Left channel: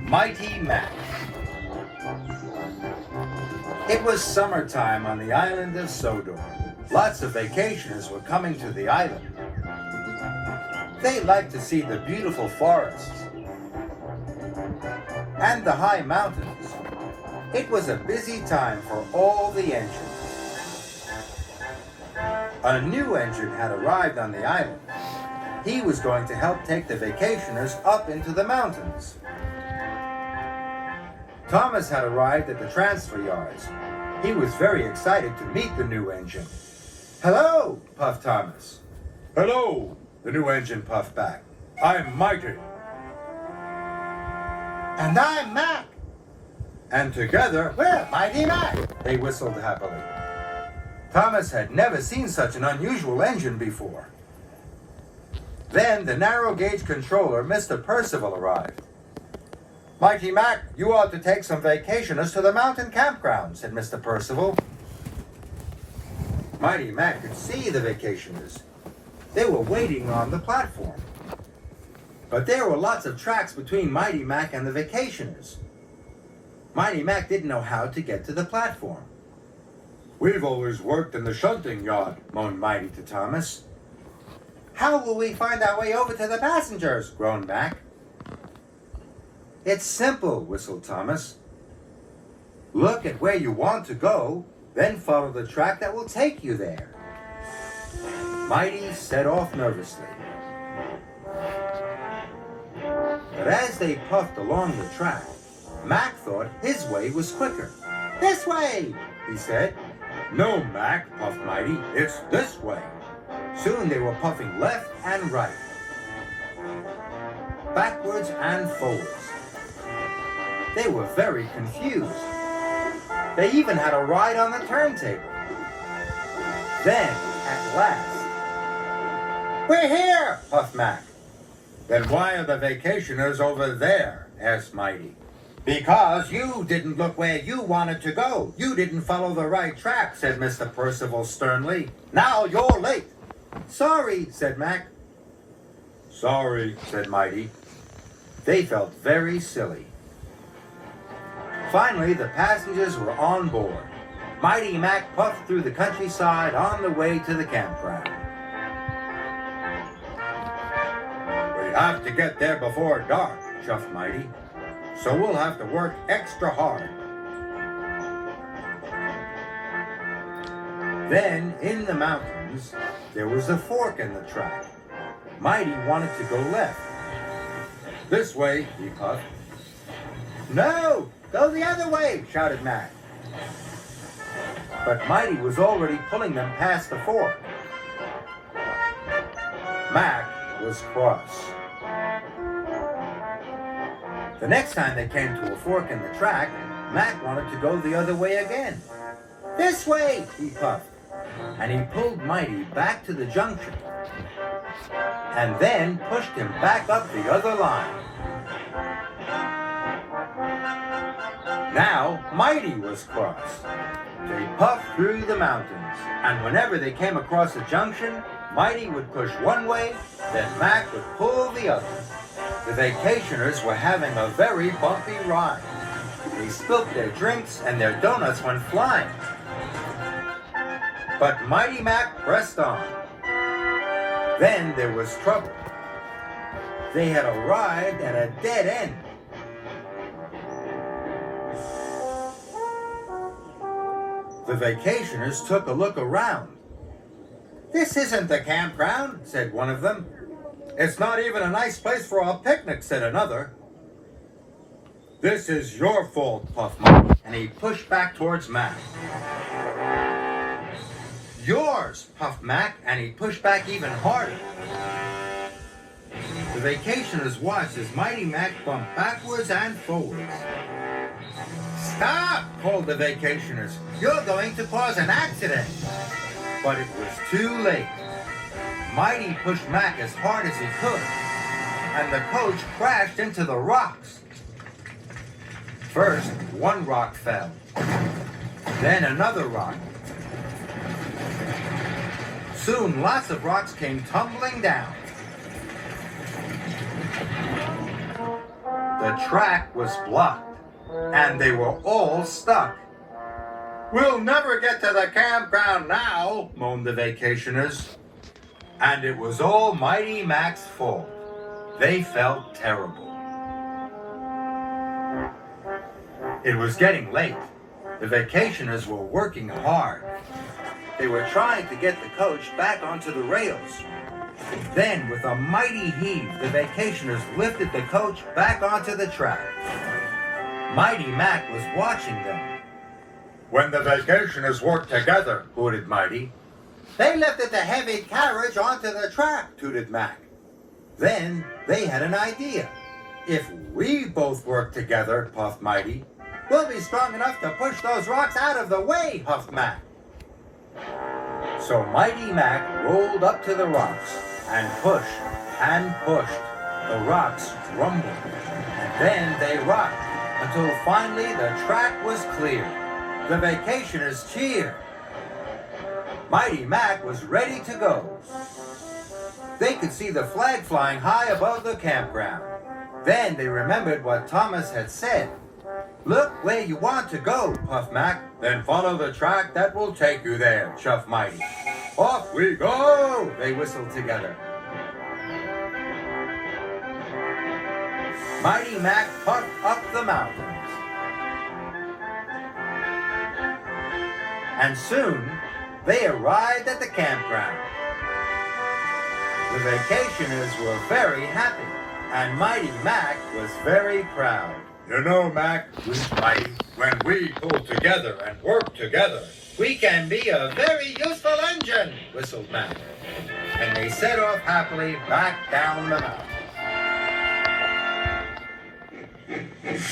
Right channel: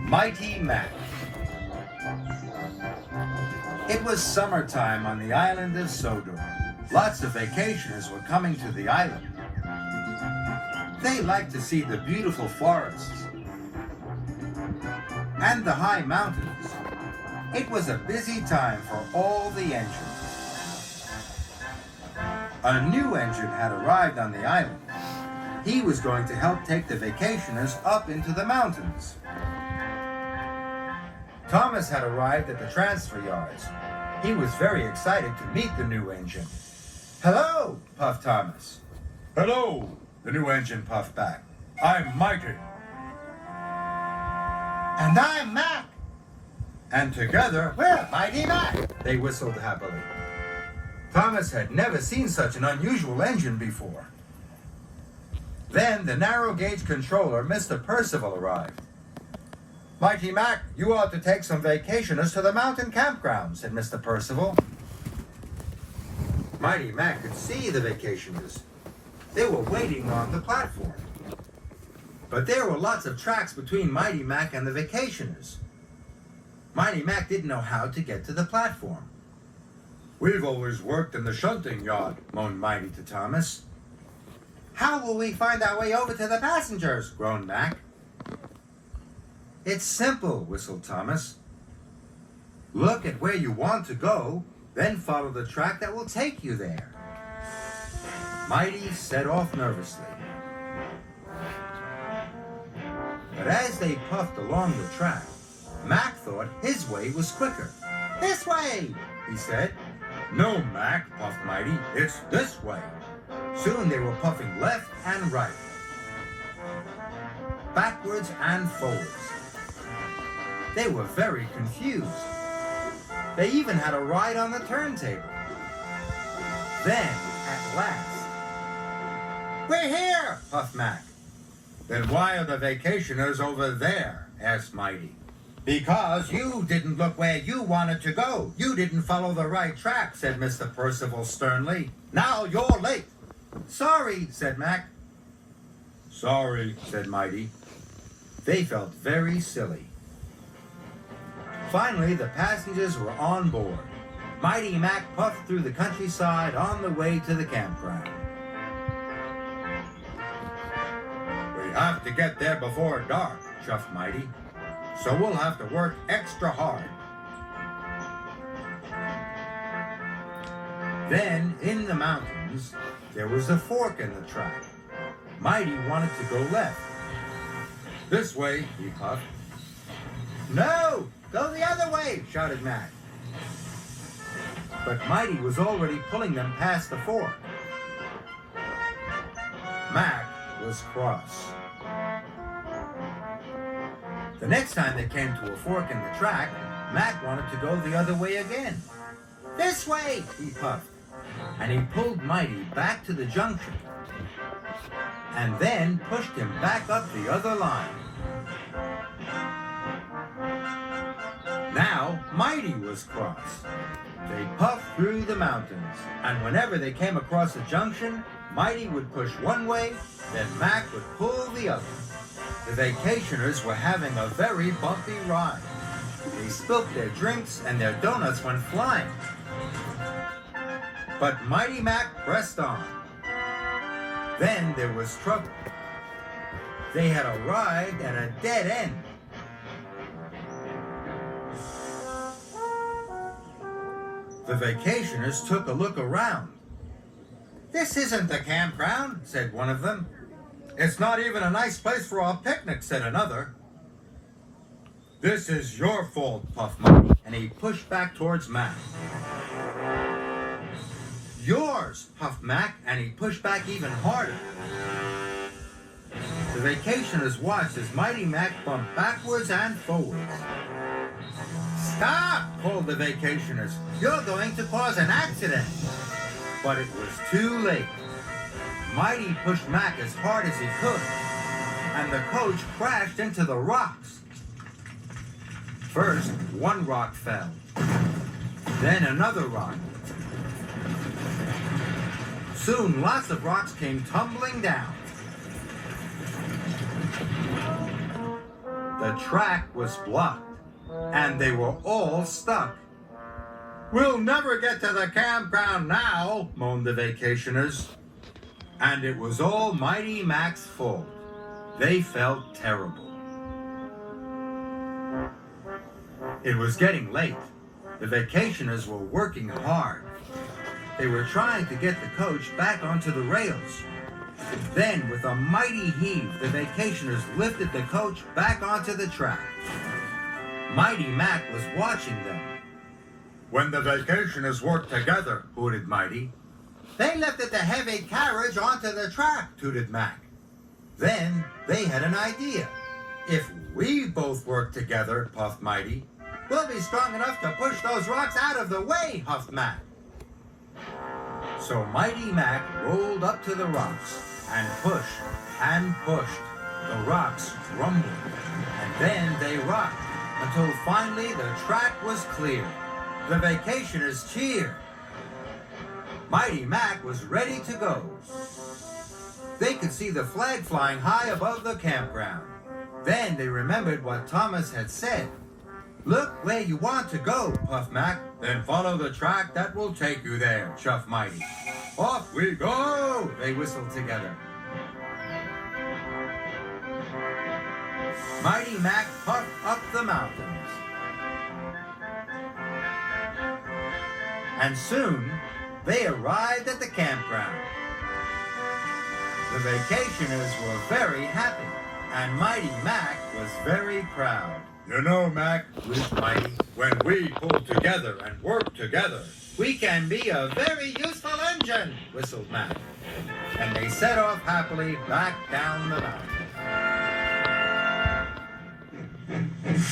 Mighty Mac. It was summertime on the island of Sodor. Lots of vacationers were coming to the island. They liked to see the beautiful forests and the high mountains. It was a busy time for all the engines. A new engine had arrived on the island. He was going to help take the vacationers up into the mountains. Thomas had arrived at the transfer yards. He was very excited to meet the new engine. "Hello," puffed Thomas. "Hello," the new engine puffed back. "I'm Mighty." "And I'm Mac." And together, "We're Mighty Mac," they whistled happily. Thomas had never seen such an unusual engine before. Then the narrow gauge controller, Mr. Percival, arrived. "Mighty Mac, you ought to take some vacationers to the mountain campground," said Mr. Percival. Mighty Mac could see the vacationers. They were waiting on the platform. But there were lots of tracks between Mighty Mac and the vacationers. Mighty Mac didn't know how to get to the platform. "We've always worked in the shunting yard," moaned Mighty to Thomas. "How will we find our way over to the passengers?" groaned Mac. "It's simple," whistled Thomas. "Look at where you want to go, then follow the track that will take you there." Mighty set off nervously. But as they puffed along the track, Mac thought his way was quicker. "This way," he said. "No, Mac," puffed Mighty. "It's this way." Soon they were puffing left and right, backwards and forwards. They were very confused. They even had a ride on the turntable. Then, at last, "We're here," puffed Mac. "Then why are the vacationers over there?" asked Mighty. "Because you didn't look where you wanted to go. You didn't follow the right track," said Mr. Percival sternly. "Now you're late." "Sorry," said Mac. "Sorry," said Mighty. They felt very silly. Finally, the passengers were on board. Mighty Mac puffed through the countryside on the way to the campground. "We have to get there before dark," chuffed Mighty. "So we'll have to work extra hard." Then, in the mountains, there was a fork in the track. Mighty wanted to go left. "This way," he puffed. "No, go the other way," shouted Mac. But Mighty was already pulling them past the fork. Mac was cross. The next time they came to a fork in the track, Mac wanted to go the other way again. "This way," he puffed, and he pulled Mighty back to the junction, and then pushed him back up the other line. Now, Mighty was cross. They puffed through the mountains, and whenever they came across a junction, Mighty would push one way, then Mac would pull the other. The vacationers were having a very bumpy ride. They spilt their drinks and their donuts went flying. But Mighty Mac pressed on. Then there was trouble. They had arrived at a dead end. The vacationers took a look around. "This isn't the campground," said one of them. "It's not even a nice place for a picnic," said another. "This is your fault," puffed Mighty, and he pushed back towards Mac. "Yours," puffed Mac, and he pushed back even harder. The vacationers watched as Mighty Mac bumped backwards and forwards. "Stop!" called the vacationers. "You're going to cause an accident." But it was too late. Mighty pushed Mac as hard as he could, and the coach crashed into the rocks. First, one rock fell. Then another rock. Soon, lots of rocks came tumbling down. The The track was blocked, and they were all stuck. We'll never get to the campground now, moaned the vacationers. And it was all Mighty Mac's fault. They felt terrible. It was getting late. The vacationers were working hard. They were trying to get the coach back onto the rails. Then, with a mighty heave, the vacationers lifted the coach back onto the track. Mighty Mac was watching them. When the vacationers work together, hooted Mighty. They lifted the heavy carriage onto the track, tooted Mac. Then they had an idea. If we both work together, puffed Mighty, we'll be strong enough to push those rocks out of the way, huffed Mac. So Mighty Mac rolled up to the rocks and pushed and pushed. The rocks rumbled, and then they rocked until finally the track was clear. The vacationers cheered. Mighty Mac was ready to go. They could see the flag flying high above the campground. Then they remembered what Thomas had said. Look where you want to go, puffed Mac. Then follow the track that will take you there, chuffed Mighty. Off we go, they whistled together. Mighty Mac puffed up the mountains. And soon, they arrived at the campground. The vacationers were very happy, and Mighty Mac was very proud. You know, Mac, wheezed Mighty, when we pull together and work together, We can be a very useful engine, whistled Mac. And they set off happily back down the mountain.